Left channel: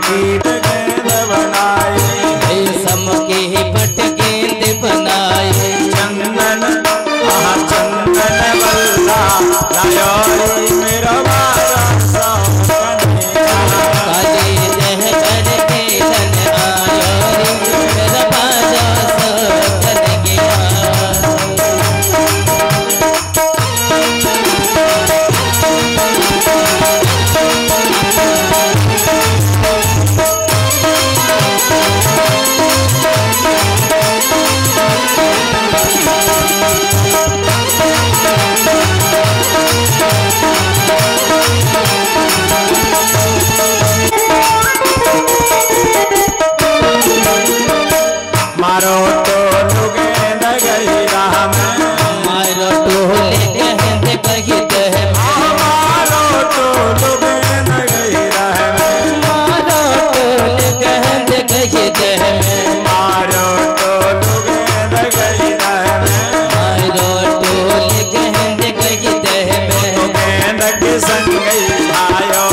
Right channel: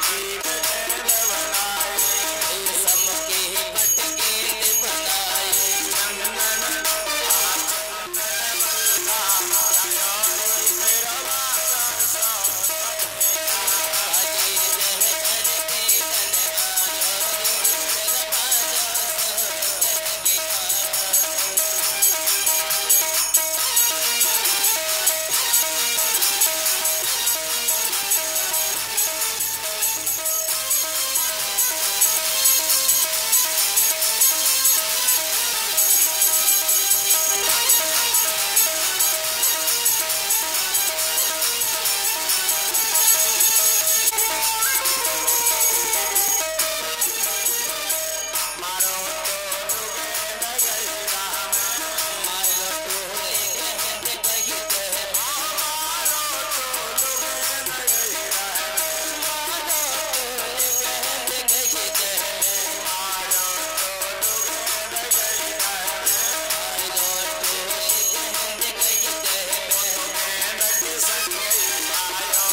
कीट गेंद बनाए, रेशम के पट गेंद बनाए, चंदन चंदन बल्ला लायो मेरा बाबा काले रह करके धन आयो मेरा बाजा कर गया। मारो तो गेंद गई राह में, मारो टोले गेंद बगित है, मारो तो गेंद गई राह में, मारो टोले गेंद बगित है, मारो तो गेंद गई राह में, मारो टोले गेंद बगित है, गेंद की संग गई आयो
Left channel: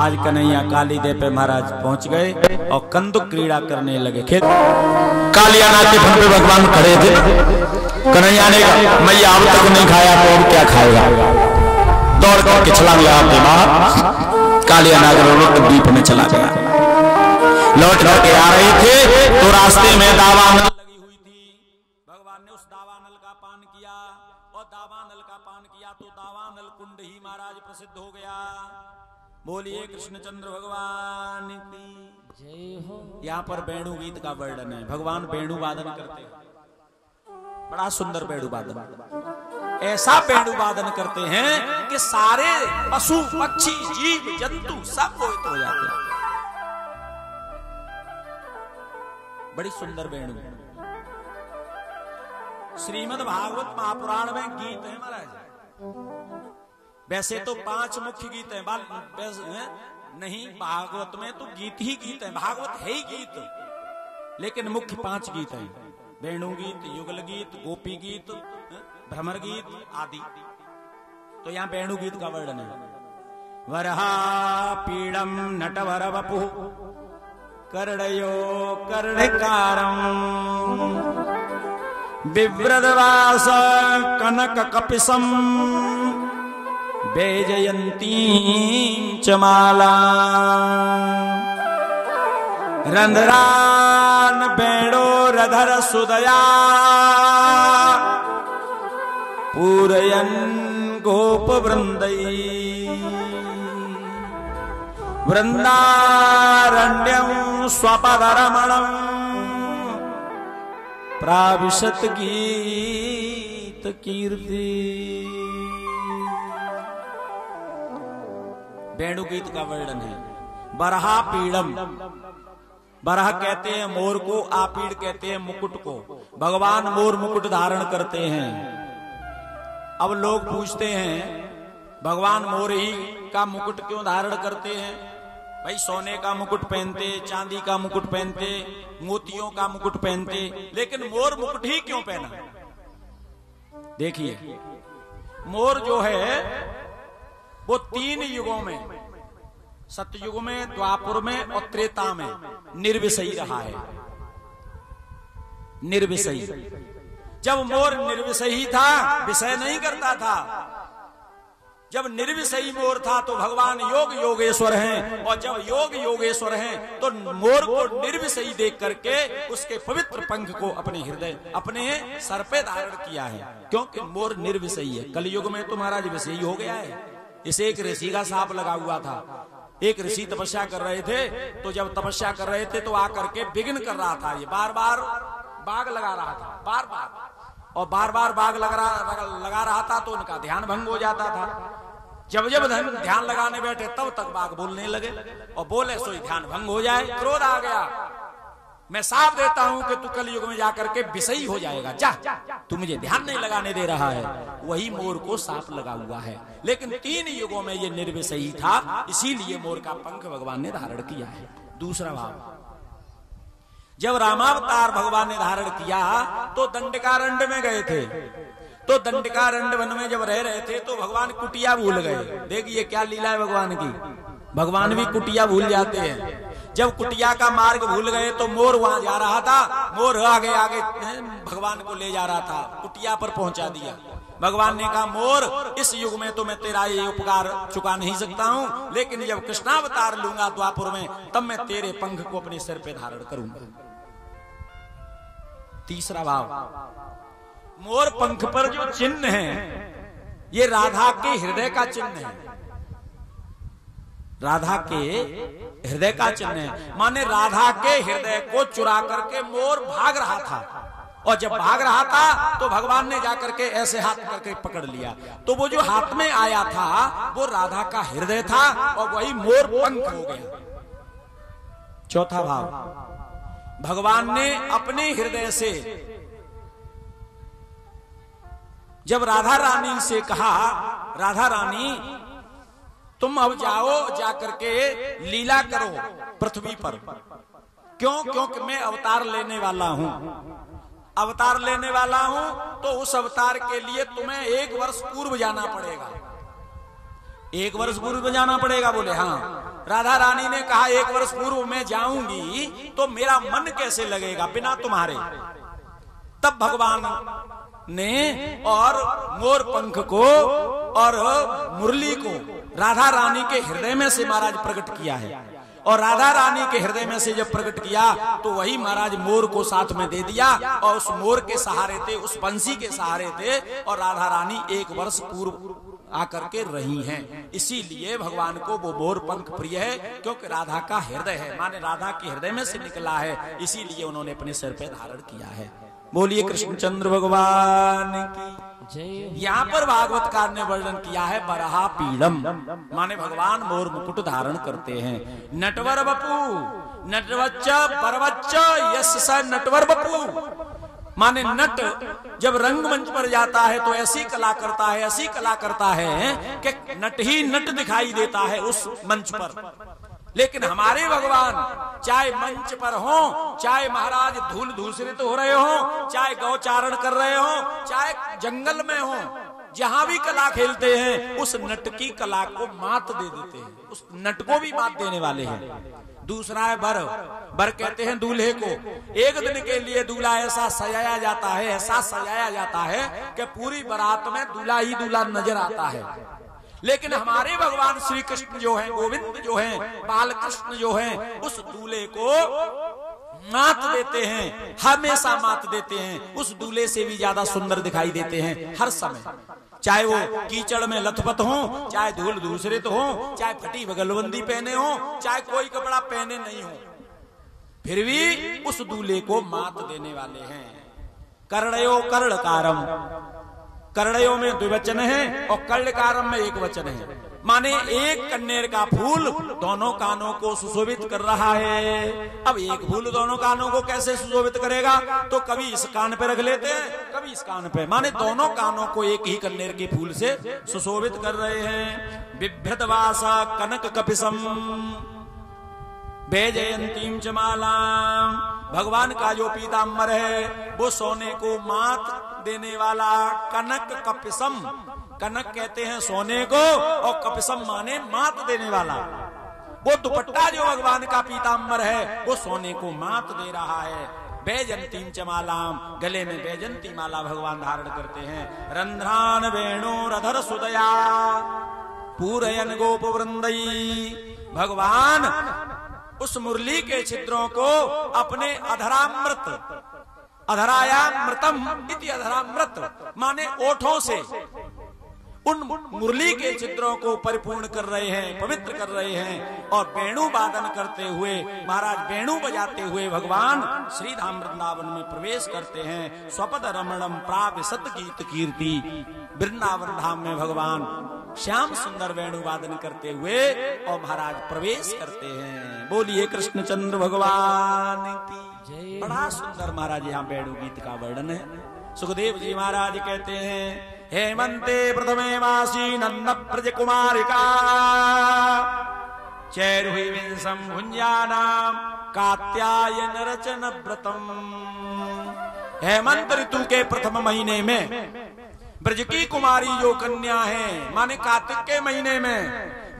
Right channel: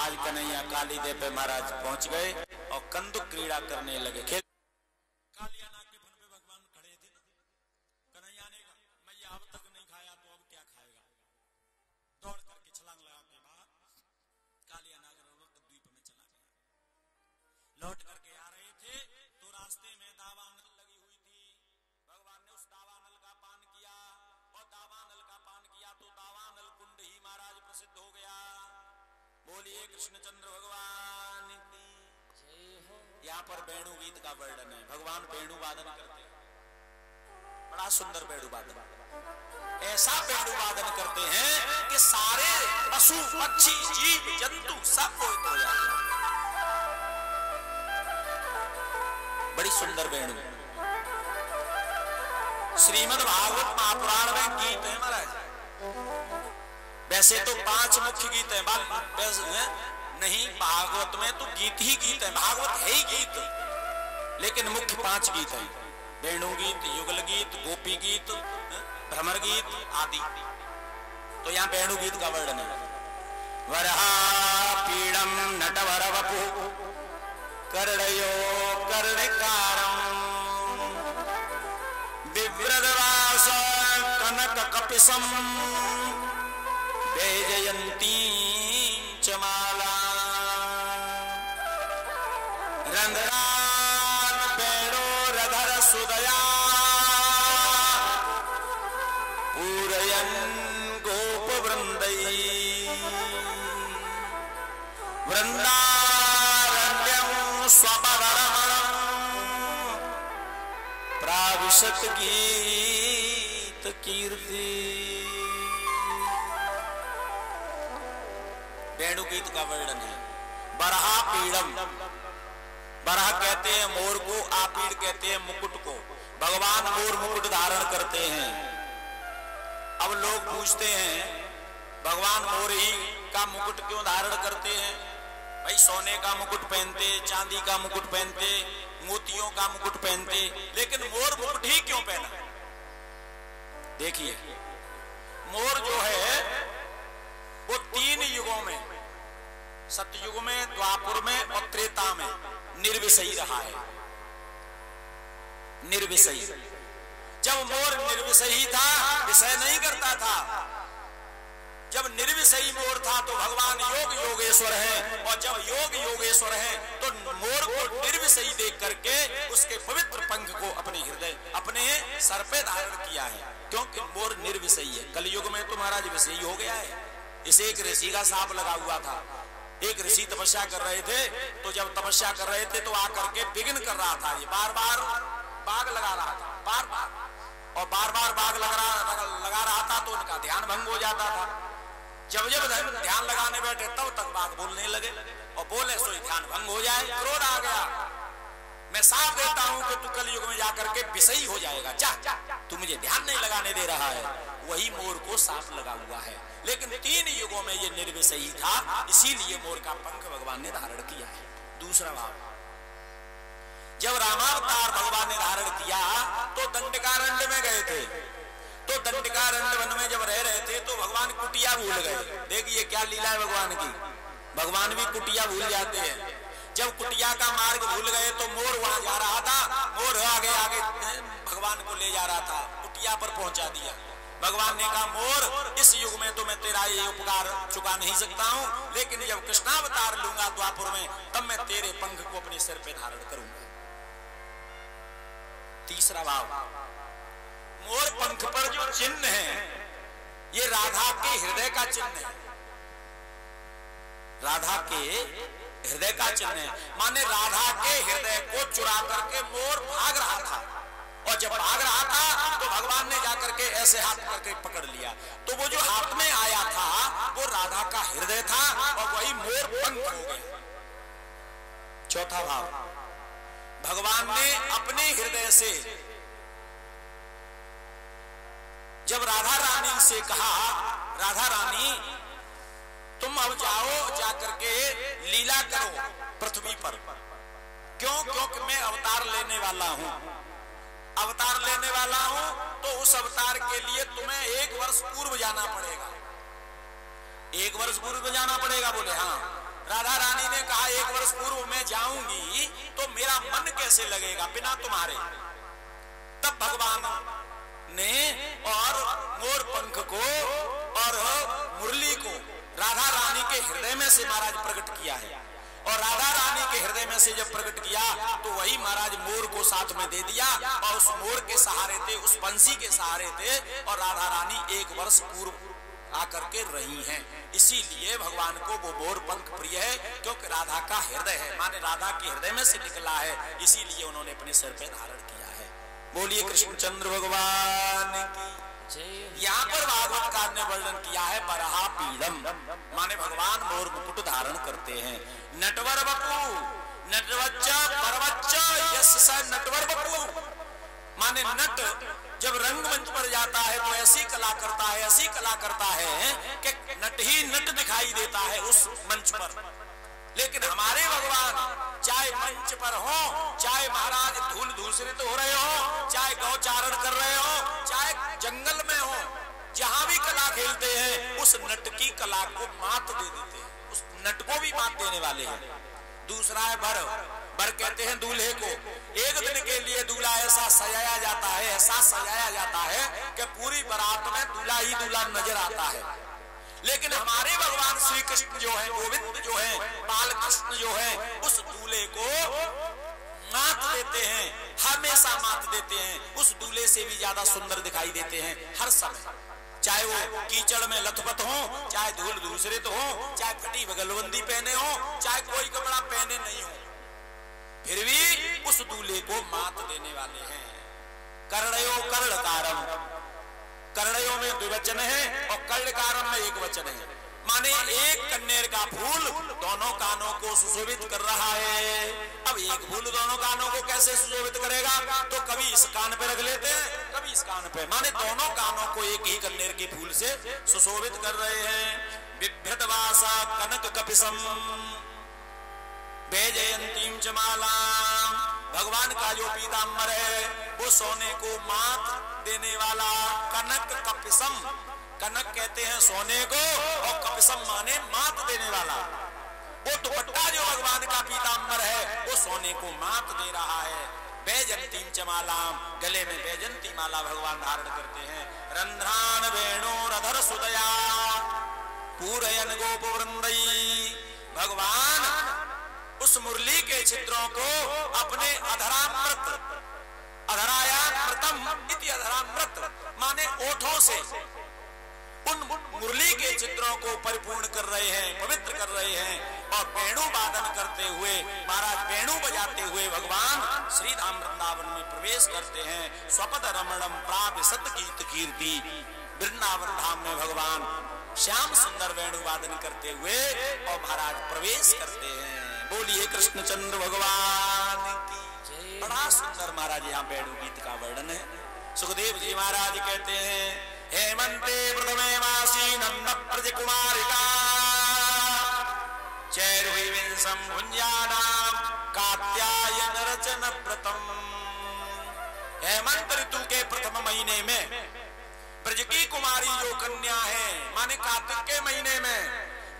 आज कन्हैया काली देव पे महाराज पहुंच गए और कंदुक क्रीड़ा करने लगे। खेत कालिया नाथ के फन पे भगवान खड़े थे। कन्हैया ने कहा मैया अब तक नहीं खाया तो अब क्या खाएगा। दौड़ करके छलांग लगाते बाहर कालिया नाथ रोक द्वीप में चला गया। लौट के आ रहे थे तो रास्ते में दावानल लगी हुई थी। भगवान ने उस दावानल का पान किया और दावानल का पान किया तो दावानल कुंड ही महाराज प्रसिद्ध हो गया। बोलिए कृष्णचंद्र भगवान की जय हो। यहाँ पर वेणु गीत का वर्णन है। भगवान वेणु वादन करते हैं, बड़ा सुंदर वेणु वादन, ऐसा वेणु वादन करते हैं कि सारे पशु पक्षी जीव जंतु सब हो जाते हैं। बड़ी सुंदर वेणु। श्रीमद् भागवत महापुराण में गीत है महाराज। वैसे तो 5 मुख्य गीत हैं, नहीं भागवत में तो गीत ही गीत है, भागवत है ही गीत, लेकिन मुख्य 5 गीत हैं। वेणु गीत, युगल गीत, गोपी गीत, भ्रमर गीत आदि। तो यहाँ वेणु गीत का वर्णन है। वरहा पीड़म नटवर वपु कर्णयो कर्णकारं बिभ्रदवास कनक कपिसम वैजयंती च माला रंध्रान वेणो रधर सुदया पूरयन गोप वृंदई वृंदारण्यं स्वपदरमणं प्राविशत गीत कीर्ति। वेणु गीत का वर्णन है। बरहा पीड़म, बरह कहते हैं मोर को, आपीड़ कहते हैं मुकुट को। भगवान मोर मुकुट धारण करते हैं। अब लोग पूछते हैं भगवान मोर ही का मुकुट क्यों धारण करते हैं? भाई सोने का मुकुट पहनते, चांदी का मुकुट पहनते, मोतियों का मुकुट पहनते, लेकिन मोर मुकुट ही क्यों पहना? देखिए मोर जो है वो 3 युगों में सतयुग में, द्वापुर में और त्रेता में निर्विषयी रहा है। निर्विषयी। जब मोर निर्विषयी था, विषय नहीं करता था, जब निर्विषयी मोर था तो भगवान योग योगेश्वर हैं, और जब योग योगेश्वर हैं तो मोर को निर्विषयी देख करके उसके पवित्र पंख को अपने हृदय, अपने सर पे धारण किया है, क्योंकि मोर निर्विषयी है। कलयुग में तो महाराज विषयी हो गया है। इसे एक ऋषि का साप लगा हुआ था। एक ऋषि तपस्या कर रहे थे, तो जब तपस्या कर रहे थे तो आकर के विघ्न कर रहा था। ये बार बार बाग लगा रहा था, बार बार, और बार बार बाग लगा रहा था तो उनका ध्यान भंग हो जाता था। जब जब ध्यान लगाने बैठे तब तक बाग बोलने लगे, और बोले सो ध्यान भंग हो जाए। क्रोध आ गया। मैं साफ देता हूं कि तू कलयुग में जाकर के विषयी हो जाएगा, जा, तू मुझे ध्यान नहीं लगाने दे रहा है। वही मोर को साप लगा हुआ है। लेकिन 3 युगों में ये निर्विषयी था, इसीलिए मोर का पंख भगवान ने धारण किया है। दूसरा भाव, जब रामावतार भगवान ने धारण किया तो दंडकारण्य में गए थे। तो दंडकारण्य वन में जब रह रहे थे तो भगवान कुटिया भूल गए। देखिए क्या लीला है भगवान की, भगवान भी कुटिया भूल जाते हैं। जब कुटिया का मार्ग भूल गए तो मोर वहां जा रहा था, मोर आगे आगे भगवान को ले जा रहा था, कुटिया पर पहुंचा दिया। भगवान ने कहा, मोर इस युग में तो मैं तेरा ये उपकार चुका नहीं सकता हूं, लेकिन जब कृष्णावतार लूंगा द्वापुर में, तब मैं तेरे पंख को अपने सिर पे धारण करूंगा। तीसरा भाव, मोर पंख पर जो चिन्ह है ये राधा के हृदय का चिन्ह है। राधा के हृदय का चिन्ह है, माने राधा के हृदय को चुरा करके मोर भाग रहा था, और जब भाग रहा था तो भगवान ने जाकर के ऐसे हाथ करके पकड़ लिया। तो वो जो हाथ में आया था वो राधा का हृदय था, और वही मोर पंख हो गए। चौथा भाव, भगवान ने अपने हृदय से जब राधा रानी से कहा, राधा रानी तुम अब जाओ, जाकर के लीला करो पृथ्वी पर। क्यों? क्योंकि मैं अवतार लेने वाला हूं। अवतार लेने वाला हूं तो उस अवतार के लिए तुम्हें 1 वर्ष पूर्व जाना पड़ेगा। 1 वर्ष पूर्व जाना पड़ेगा। बोले हाँ। राधा रानी ने कहा 1 वर्ष पूर्व मैं जाऊंगी तो मेरा मन कैसे लगेगा बिना तुम्हारे। तब भगवान ने और मोर पंख को और मुरली को राधा रानी के हृदय में से महाराज प्रकट किया है। और राधा रानी के हृदय में से जब प्रकट किया तो वही महाराज मोर को साथ में दे दिया, और उस मोर के सहारे थे, उस बंसी के सहारे थे, और राधा रानी 1 वर्ष पूर्व आकर के रही हैं। इसीलिए भगवान को वो मोर पंख प्रिय है, क्योंकि राधा का हृदय है, माने राधा के हृदय में से निकला है, इसीलिए उन्होंने अपने सिर पे धारण किया है। बोलिए कृष्णचंद्र भगवान की। यहाँ पर भागवतकार ने वर्णन किया है बरहा पीड़म, माने भगवान मोर मुकुट धारण करते हैं। नटवर बपू, नटवच्च परवच्च यस स नटवर बपू, माने नट जब रंगमंच पर जाता है तो ऐसी कला करता है, ऐसी कला करता है कि नट ही नट दिखाई देता है उस मंच पर। लेकिन हमारे भगवान चाहे मंच पर हो, चाहे महाराज धूल धूसरित हो रहे हो, चाहे गौचारण कर रहे हो, चाहे जंगल में हो, जहां भी कला खेलते हैं उस नट की कला को मात दे देते हैं, उस नट को भी मात देने वाले हैं। दूसरा है बर। बर कहते हैं दूल्हे को। एक दिन के लिए दूल्हा ऐसा सजाया जाता है, ऐसा सजाया जाता है कि पूरी बारात में दूल्हा ही दूल्हा नजर आता है। लेकिन हमारे भगवान श्री कृष्ण जो है, गोविंद जो है, बाल कृष्ण जो है, उस दूल्हे को मात देते हैं, हमेशा मात देते हैं। उस दूल्हे से भी ज्यादा सुंदर दिखाई देते हैं हर समय, चाहे वो कीचड़ में लथपथ हो, चाहे धूल धूसरित हो, चाहे फटी बगलबंदी पहने हो, चाहे कोई कपड़ा पहने नहीं हो, फिर भी उस दूल्हे को मात देने वाले हैं। कर्णयो कर्णकारम, कर्णयों में 2 वचन है और कर्णकारम में 1 वचन है, माने एक कन्नेर का फूल दोनों कानों को सुशोभित कर रहा है। अब एक फूल दोनों कानों को कैसे सुशोभित करेगा? तो कभी इस कान पे रख लेते हैं, कभी इस कान पे, माने दोनों कानों को एक ही कन्नेर के फूल से सुशोभित कर रहे हैं। बिभ्रतवासा कनक कपिसम वैजयंतीम च माला, भगवान का जो पीताम्बर है वो सोने को मात देने वाला कनक कपिसम, कनक कहते हैं सोने को और कपिसम माने मात देने वाला। वो दुपट्टा जो भगवान का पीताम्बर है वो सोने को मात दे रहा है। वैजंतीम च मालाम, गले में वैजंती माला भगवान धारण करते हैं। रंध्रान वेणुरधर सुदया पूरयन गोप वृंदई, भगवान उस मुरली के छिद्रों को अपने अधरामृत, अधरायामृतम इति अधरामृत माने ओठों से उन मुरली के चित्रों को परिपूर्ण कर रहे हैं, पवित्र कर रहे हैं। और वेणु वादन करते हुए महाराज वेणु बजाते हुए भगवान श्री धाम वृंदावन में प्रवेश करते हैं। स्वपद रमणम प्राप्य सत गीत कीर्ति, वृंदावन धाम में भगवान श्याम सुंदर वेणु वादन करते हुए और महाराज प्रवेश करते हैं। बोलिए कृष्णचंद्र भगवान की। बड़ा सुंदर महाराज यहाँ वेणु गीत का वर्णन है। सुखदेव जी महाराज कहते हैं, हेमंते प्रथमे मासी नंद प्रज कुमारिका चैर्विंसं भुंजानाम कात्यायन रचन व्रतम। हेमंत ऋतु के प्रथम महीने में ब्रज की कुमारी जो कन्या है, माने कार्तिक के महीने में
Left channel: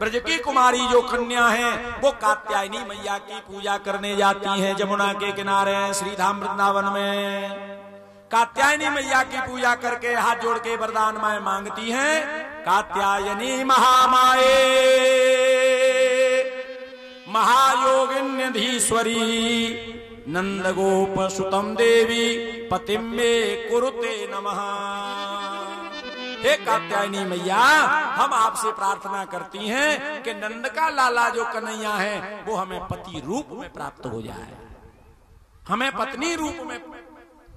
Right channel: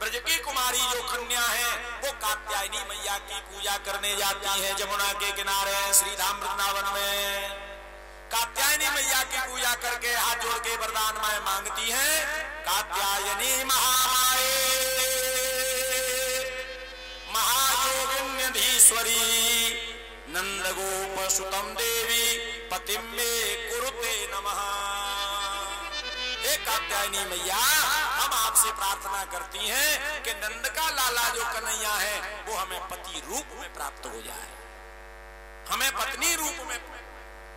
ब्रज की कुमारी जो कन्या है वो कात्यायनी मैया की पूजा करने जाती है। जमुना के किनारे श्रीधाम वृंदावन में कात्यायनी मैया की पूजा करके हाथ जोड़ के वरदान मांगती हैं। कात्यायनी महामाये महायोगिन्यधीश्वरी नंद गोप सुतम देवी पतिम मे कुरुते नमः। हे कात्यायनी मैया, हम आपसे प्रार्थना करती हैं कि नंद का लाला जो कन्हैया है वो हमें पति रूप में प्राप्त हो जाए, हमें पत्नी रूप में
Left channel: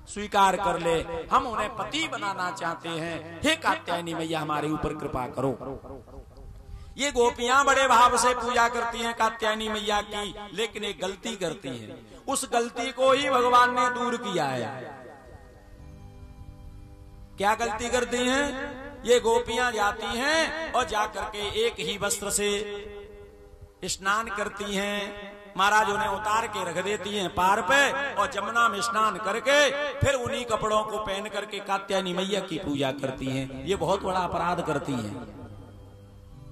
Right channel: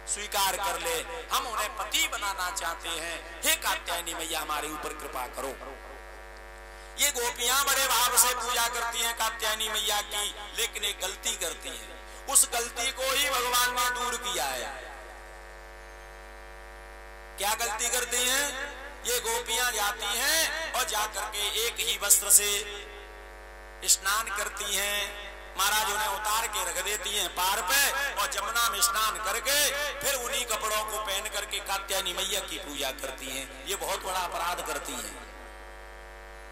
स्वीकार कर ले, हम उन्हें पति बनाना चाहते हैं। हे कात्यायनी मैया, हमारे ऊपर कृपा करो। ये गोपियां बड़े भाव से पूजा करती हैं कात्यायनी मैया की, लेकिन एक गलती करती हैं। उस गलती को ही भगवान ने दूर किया है। क्या गलती करती हैं? ये गोपियां जाती हैं और जाकर के एक ही वस्त्र से स्नान करती हैं। महाराज उन्हें उतार के रख देती हैं पार पे और जमुना में स्नान करके फिर उन्हीं कपड़ों को पहन करके कात्यायनी मैया की पूजा करती हैं। ये बहुत बड़ा अपराध करती हैं।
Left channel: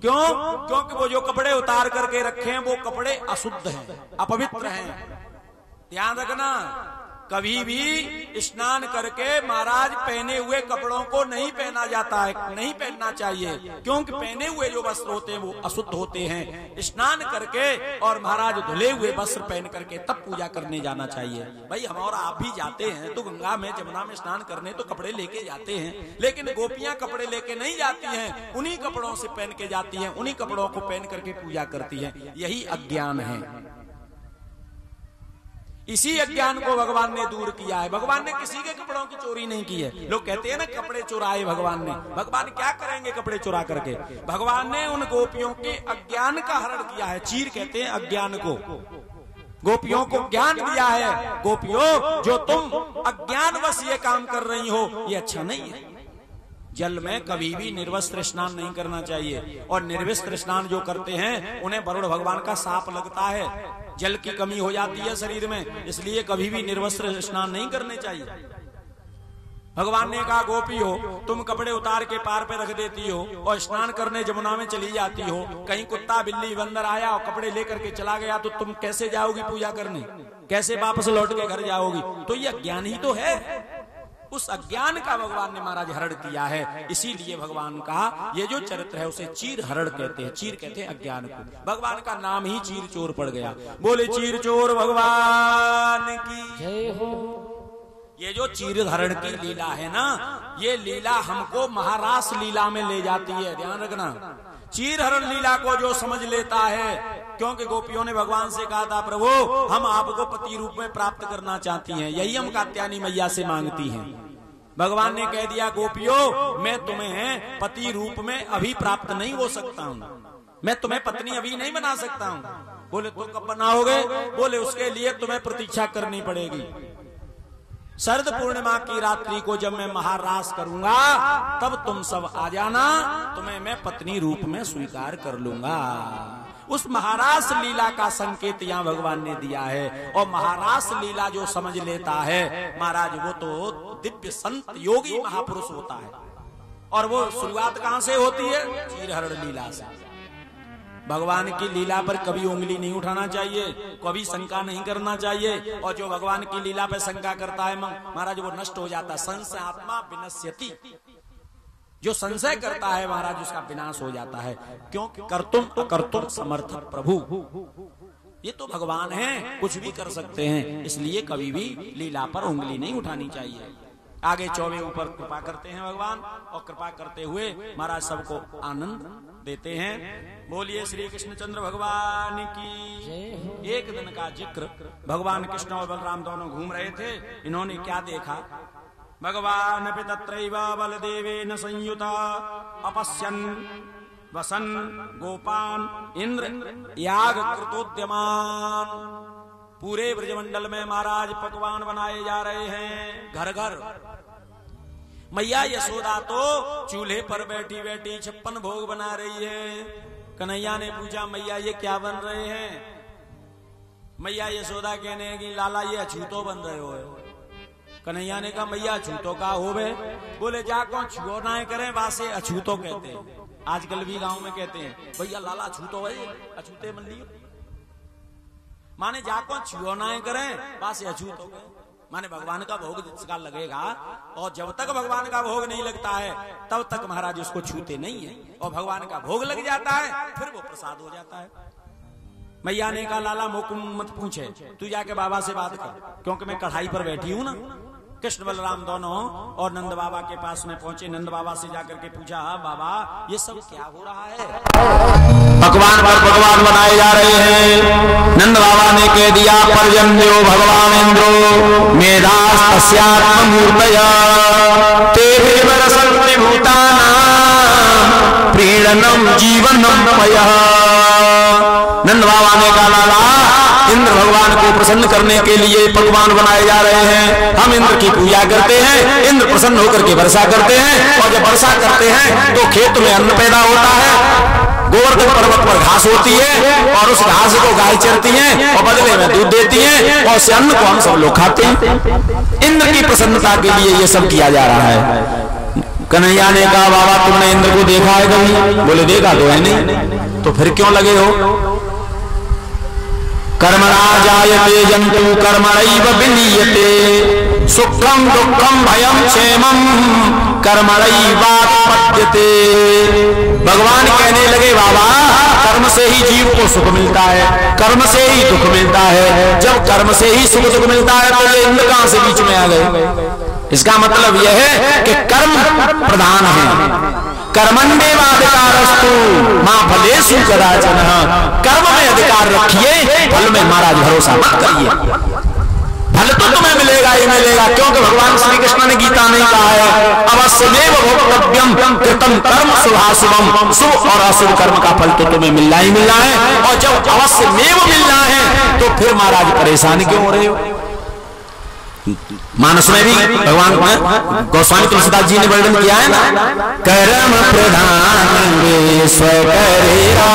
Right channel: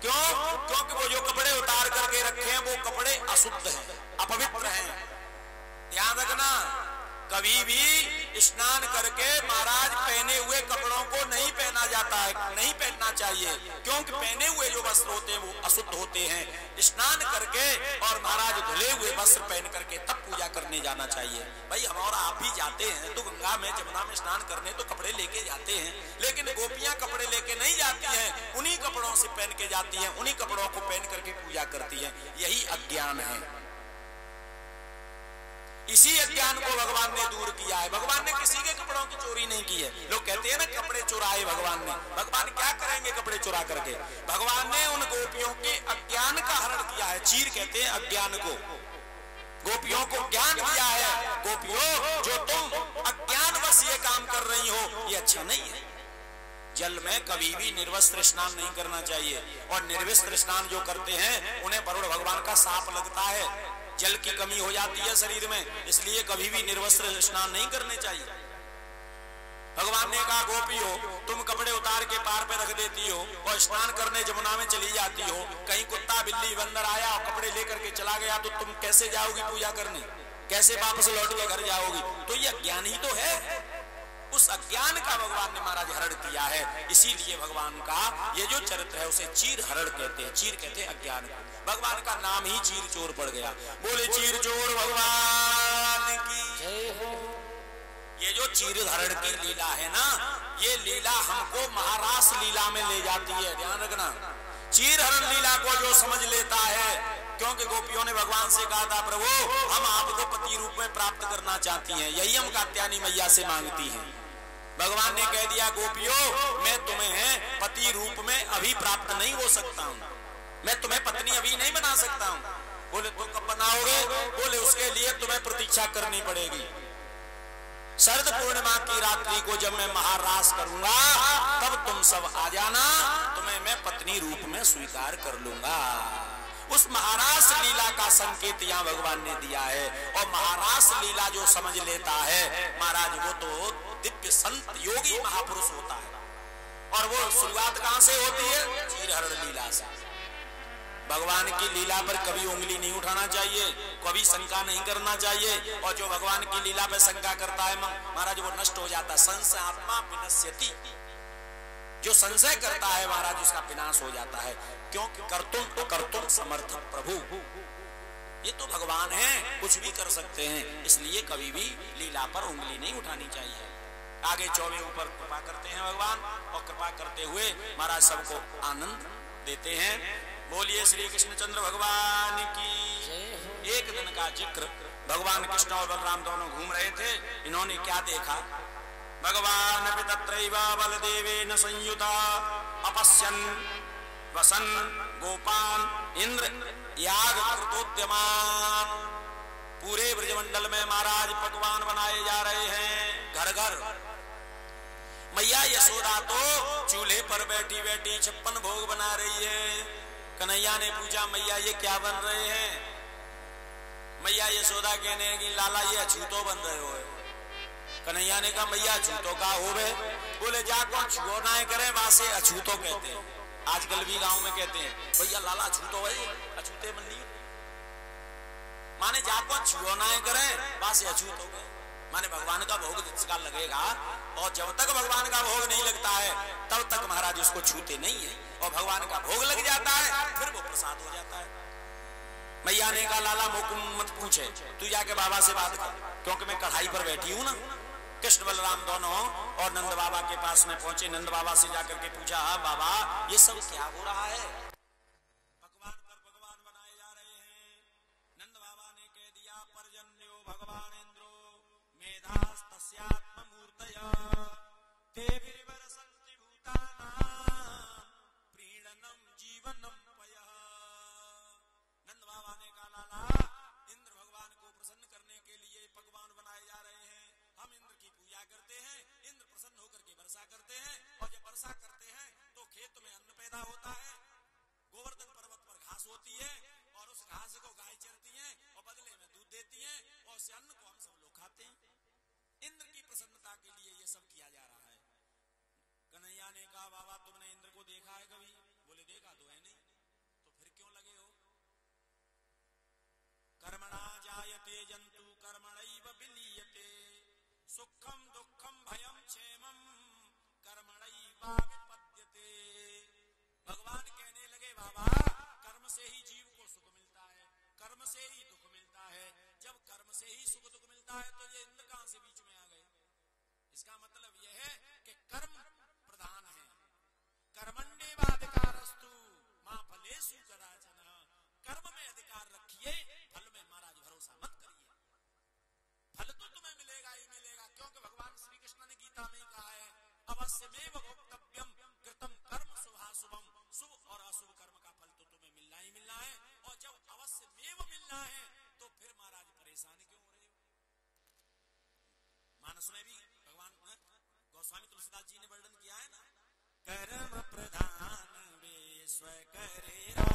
क्यों? क्योंकि वो जो कपड़े उतार करके रखे हैं वो कपड़े अशुद्ध हैं, अपवित्र हैं। ध्यान रखना, कभी भी स्नान करके महाराज पहने हुए कपड़ों को नहीं पहना जाता है, नहीं पहनना चाहिए, क्योंकि पहने हुए जो वस्त्र होते हैं वो अशुद्ध होते हैं। स्नान करके और महाराज धुले हुए वस्त्र पहन करके तब पूजा करने जाना चाहिए। भाई हम और आप भी जाते हैं तो गंगा में जमुना में स्नान करने तो कपड़े लेके जाते हैं, लेकिन गोपियां कपड़े लेके नहीं जाती हैं, उन्हीं कपड़ों से पहन के जाती हैं, उन्हीं कपड़ों को पहन करके पूजा करती हैं। यही अज्ञान है। इसी अज्ञान को भगवान ने दूर किया है। भगवान ने किसी के कपड़ों की चोरी नहीं की है। लोग कहते हैं ना कपड़े चुराए भगवान ने। भगवान क्या करेंगे कपड़े चुरा करके? भगवान ने उन गोपियों के अज्ञान का हरण किया है। चीर कहते हैं अज्ञान को। गोपियों को ज्ञान दिया है। गोपियों, जो तुम अज्ञानवश ये काम कर रही हो ये अच्छा नहीं है। जल में कभी भी निर्वस्त्र स्नान नहीं करना चाहिए, और निर्वस्त्र स्नान जो करते हैं उन्हें वरुण भगवान का शाप लगता है। जल की कमी हो जाती है शरीर में, इसलिए कभी भी निर्वस्त्र स्नान नहीं करने चाहिए। भगवान ने कहा, गोपी हो तुम कपड़े उतार के पार पे रख देती हो और स्नान करने जमुना में चली जाती हो, कहीं कुत्ता बिल्ली बंदर आया और कपड़े लेकर के चला गया तो तुम कैसे जाओगी पूजा करने? कैसे वापस लौट के घर जाओगी? तो ये अज्ञान ही तो है। उस अज्ञान का भगवान ने महाराज हरण किया है। इसीलिए भगवान का ये जो चरित्र है उसे चीर हरण कहते हैं। चीर कहते हैं अज्ञान को। भगवान का नाम ही चीर चोर पड़ गया। बोले चीर चोर भगवान की जय हो। ये जो चीर हरण की लीला है ना, ये लीला हमको महारास लीला में ले जाती है। ध्यान रखना, चीर हरण लीला को जो समझ लेता है, क्योंकि गोपियों ने भगवान से कहा था, प्रभु हम आपको पति रूप में प्राप्त करना चाहती हैं, यही हम कात्यायनी मैया से मांगती हैं। भगवान ने कह दिया, गोपियों मैं तुम्हें पति रूप में अभी प्राप्त नहीं हो सकता हूँ, मैं तुम्हें पत्नी अभी नहीं बना सकता हूँ। बोले तुम कब बनाओगे? बोले उसके लिए तुम्हें प्रतीक्षा करनी पड़ेगी। शरद पूर्णिमा की रात्रि को जब मैं महारास करूंगा तब तुम सब आ जाना, तुम्हें मैं पत्नी रूप में स्वीकार कर लूंगा। उस महारास लीला का संकेत यहाँ भगवान ने दिया है। और महारास लीला जो समझ लेता है महाराज, वो तो दिव्य संत योगी महापुरुष होता है। और वो शुरुआत कहाँ से होती है? चीर हरण लीला से। भगवान की लीला पर कभी उंगली नहीं उठाना चाहिए, कभी शंका नहीं करना चाहिए। और जो भगवान की लीला पर शंका करता है महाराज वो नष्ट हो जाता है। संशय आत्मा विनश्यति, जो संशय करता है महाराज उसका विनाश हो जाता है। क्योंकि कर्तुम अकर्तुम समर्थ प्रभु, ये तो भगवान है, कुछ भी कर सकते हैं, इसलिए कभी भी लीला पर उंगली नहीं उठानी चाहिए। आगे 24 ऊपर कृपा करते हैं भगवान, और कृपा करते हुए महाराज सबको आनंद देते हैं। बोलिए श्री कृष्णचंद्र भगवान की। एक दिन का जिक्र, भगवान कृष्ण और बलराम दोनों घूम रहे थे। इन्होंने क्या देखा, भगवान तत्रैव बलदेवेन संयुता अपश्यन् वसन गोपान इंद्र याग कृतोद्यमान। पूरे ब्रजमंडल में महाराज पकवान बनाए जा रहे हैं, घर घर। मैया यशोदा तो चूल्हे पर बैठी बैठी 56 भोग बना रही है। कन्हैया ने पूछा मैया ये क्या बन रहे हैं? मैया यशोदा कहने की लाला ये अछूतो बन रहे हो। कन्हैया ने कहा मैया अछूतो का हो बे? बोले जा कौन छुओ ना करे वासे अछूतो कहते हैं। आजकल भी गांव में कहते हैं भैया लाला अछूतो है, अछूते मन लिए माने जा कौन छुओ ना करे वासे अछूतो गए। माने भगवान का भोग जिसका लगेगा, और जब तक भगवान का भोग नहीं लगता है तब तक महाराज उसको छूते नहीं है। और भगवान का भोग लग जाता है फिर वो प्रसाद हो जाता है। मैया ने कहा लाला मुकुम मत पूछे, तू जाके बाबा से बात कर, क्योंकि मैं कढ़ाई पर बैठी हूं ना। कृष्ण बलराम दोनों और नंद बाबा के पास में पहुंचे। नंद बाबा से जाकर के पूछा बाबा ये सब क्या हो रहा है? पकवान पर पकवान बनाए जा रहे हैं। नंद बाबा ने कह दिया पर्जन्यो भगवान इंद्रो मेधास तस्यात्ममूर्तया तेरे वरसन्ति भूतानां प्रीणनम जीवनम पयः। नंद बाबा ने कहा लाला इंद्र भगवान को प्रसन्न करने के लिए पकवान बनाए जा रहे हैं। हम इंद्र की पूजा करते हैं, इंद्र प्रसन्न होकर के वर्षा करते हैं, और जब वर्षा करते हैं तो खेत में अन्न पैदा होता है। गोवर्धन पर्वत पर घास होती है और उस घास को गाय चरती है और बदले में दूध देती है, और उस अन्न को हम सब लोग खाते हैं। इंद्र की प्रसन्नता के लिए ये सब किया जा रहा है। कन्हैया ने कहा बाबा तुमने इंद्र को देखा है कभी? बोले देखा तो है नहीं, तो फिर क्यों लगे हो? कर्मणा जायते जंतु कर्मणैव विलीयते सुखम दुखम भयम क्षेमम कर्मणैवापद्यते। भगवान कहने लगे बाबा कर्म से ही जीव को सुख मिलता है, कर्म से ही दुख मिलता है। जब कर्म से ही सुख दुख मिलता है तो ये इंद्र कहां से बीच में आ गए? इसका मतलब यह है कि कर्म प्रधान है। कर्मण्येवाधिकारस्तु मां फलेषु कदाचन। कर्म में अधिकार रखिए, फल में महाराज भरोसा मत करिए। फल तो तुम्हें मिलेगा ही मिलेगा, क्योंकि भगवान श्री कृष्ण ने गीता में कहा है अवश्यमेव भोक्तव्यम कृतं कर्म शुभाशुभम। शुभ और अशुभ कर्म का फल तो तुम्हें मिलना ही मिलना है। और जब अवश्यमेव मिलना है तो फिर महाराज परेशान क्यों हो रहे हो? मानस में भी भगवान गोस्वामी तुलसीदास जी ने वर्णन किया है ना, कर्म प्रधान विश्व करेगा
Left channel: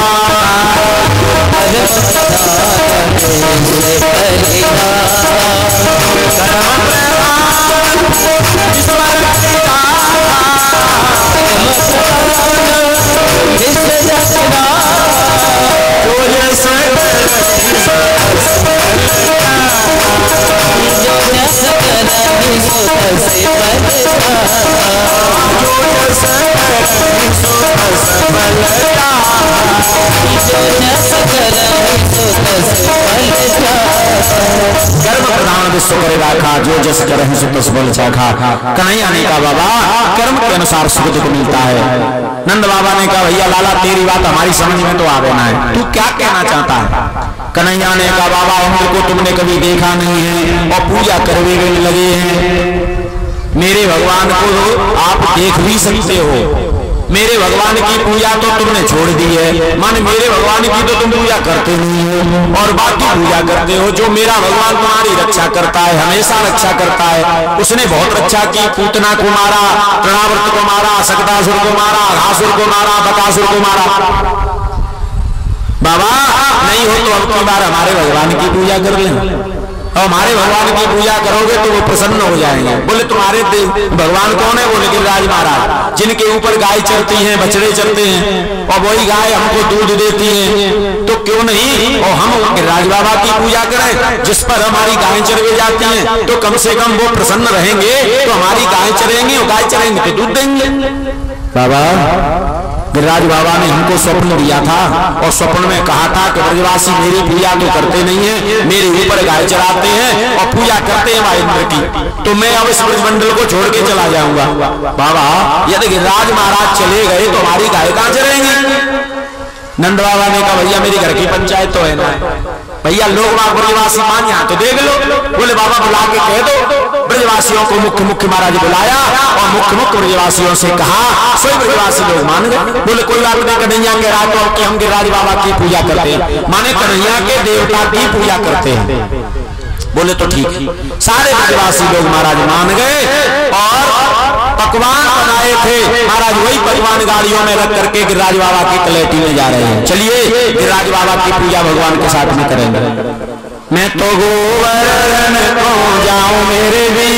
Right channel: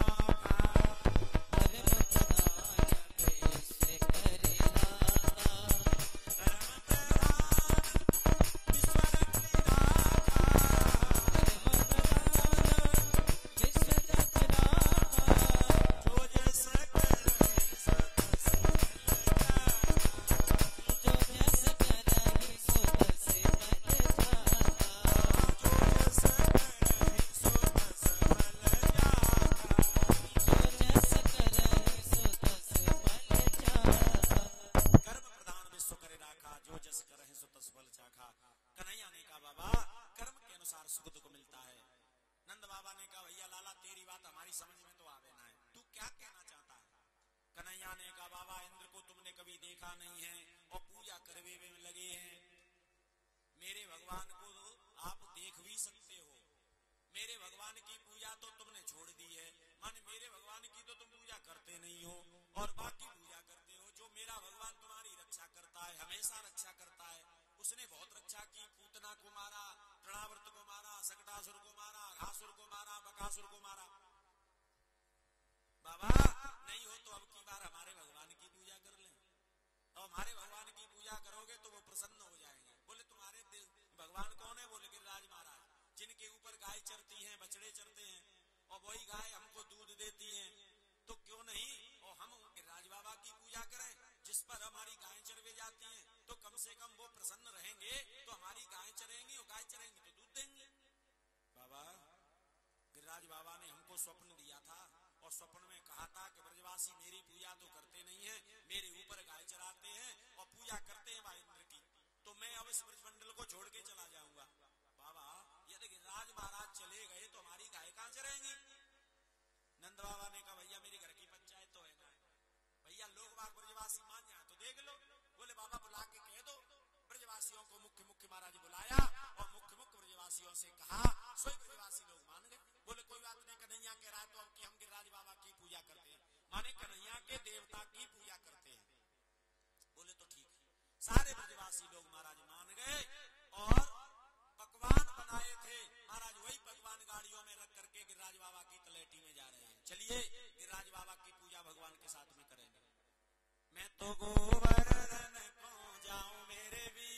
कर्म प्रधान विश्व करे राखा जो जस करहि सो तस बल चाखा। कन्हैया ने कहा बाबा कर्म के अनुसार सुख दुख मिलता है। नंद बाबा ने कहा भैया लाला तेरी बात हमारी समझ में तो आवे ना है, तू क्या कहना चाहता है? कन्हैया ने कहा बाबा इंद्र को तुमने कभी देखा नहीं है और पूजा करने में लगे हैं। मेरे भगवान को आप देख भी सकते हो, मेरे भगवान की पूजा तो तुमने छोड़ दी है। माने मेरे भगवान की तो तुम पूजा करते नहीं हो और बाकी पूजा करते हो। जो मेरा भगवान तुम्हारी रक्षा करता है, हमेशा रक्षा करता है, उसने बहुत रक्षा की। पूतना को मारा, तृणावर्त को मारा, सकदासुर को मारा, घासुर को मारा, बकासुर को मारा। बाबा नहीं हो तो अब की बार हमारे भगवान की पूजा कर लें। और हमारे भगवान की पूजा करोगे तो वो प्रसन्न हो जाएंगे। बोले तुम्हारे भगवान कौन है? बोले गिरिराज महाराज, जिनके ऊपर गाय चलती हैं, बछड़े चलते हैं और वही गाय हमको दूध देती है, तो क्यों नहीं और हम गिरिराज बाबा की पूजा करें, जिस पर हमारी गाय चरवे जाती हैं, तो कम से कम वो प्रसन्न रहेंगे, तो हमारी गाय चरेंगी और गाय चरेंगे तो दूध देंगे। बाबा गिरिराज बाबा ने हमको स्वप्न दिया था और स्वप्न में कहा था कि ब्रजवासी मेरी पूजा तो करते नहीं है, मेरे ऊपर गाय चराते हैं और पूजा करते हैं इंद्र की, तो मैं अब इस ब्रजमंडल को छोड़ के चला जाऊंगा। बाबा यदि गिरिराज महाराज चले गए तो हमारी गाय कहां चरेंगी? नंद बाबा ने कहा भैया मेरी घर की पंचायत तो है ना, भैया लोग ब्रजवासी मान यहाँ तो देख लो। बोले बाबा बुला के कह दो। ब्रजवासियों को मुख्य मुख्य महाराज बुलाया और मुख्य मुख्य ब्रजवासियों से कहा, सभी ब्रजवासी लोग मान गए। बोले कोई बात नहीं, कन्हैया कह रहा तो कि हम गिरिराज बाबा की पूजा करते हैं, माने कन्हैया के देवता की पूजा करते हैं। बोले तो ठीक है। सारे ब्रजवासी लोग महाराज मान गए और पकवान बनाए थे महाराज, वही पकवान गाड़ियों में रख करके गिरिराज बाबा की कलेटी में जा रहे हैं। चलिए गिरिराज बाबा की पूजा भगवान के साथ में करेंगे। मैं तो गोवर्धन को जाऊं मेरे भी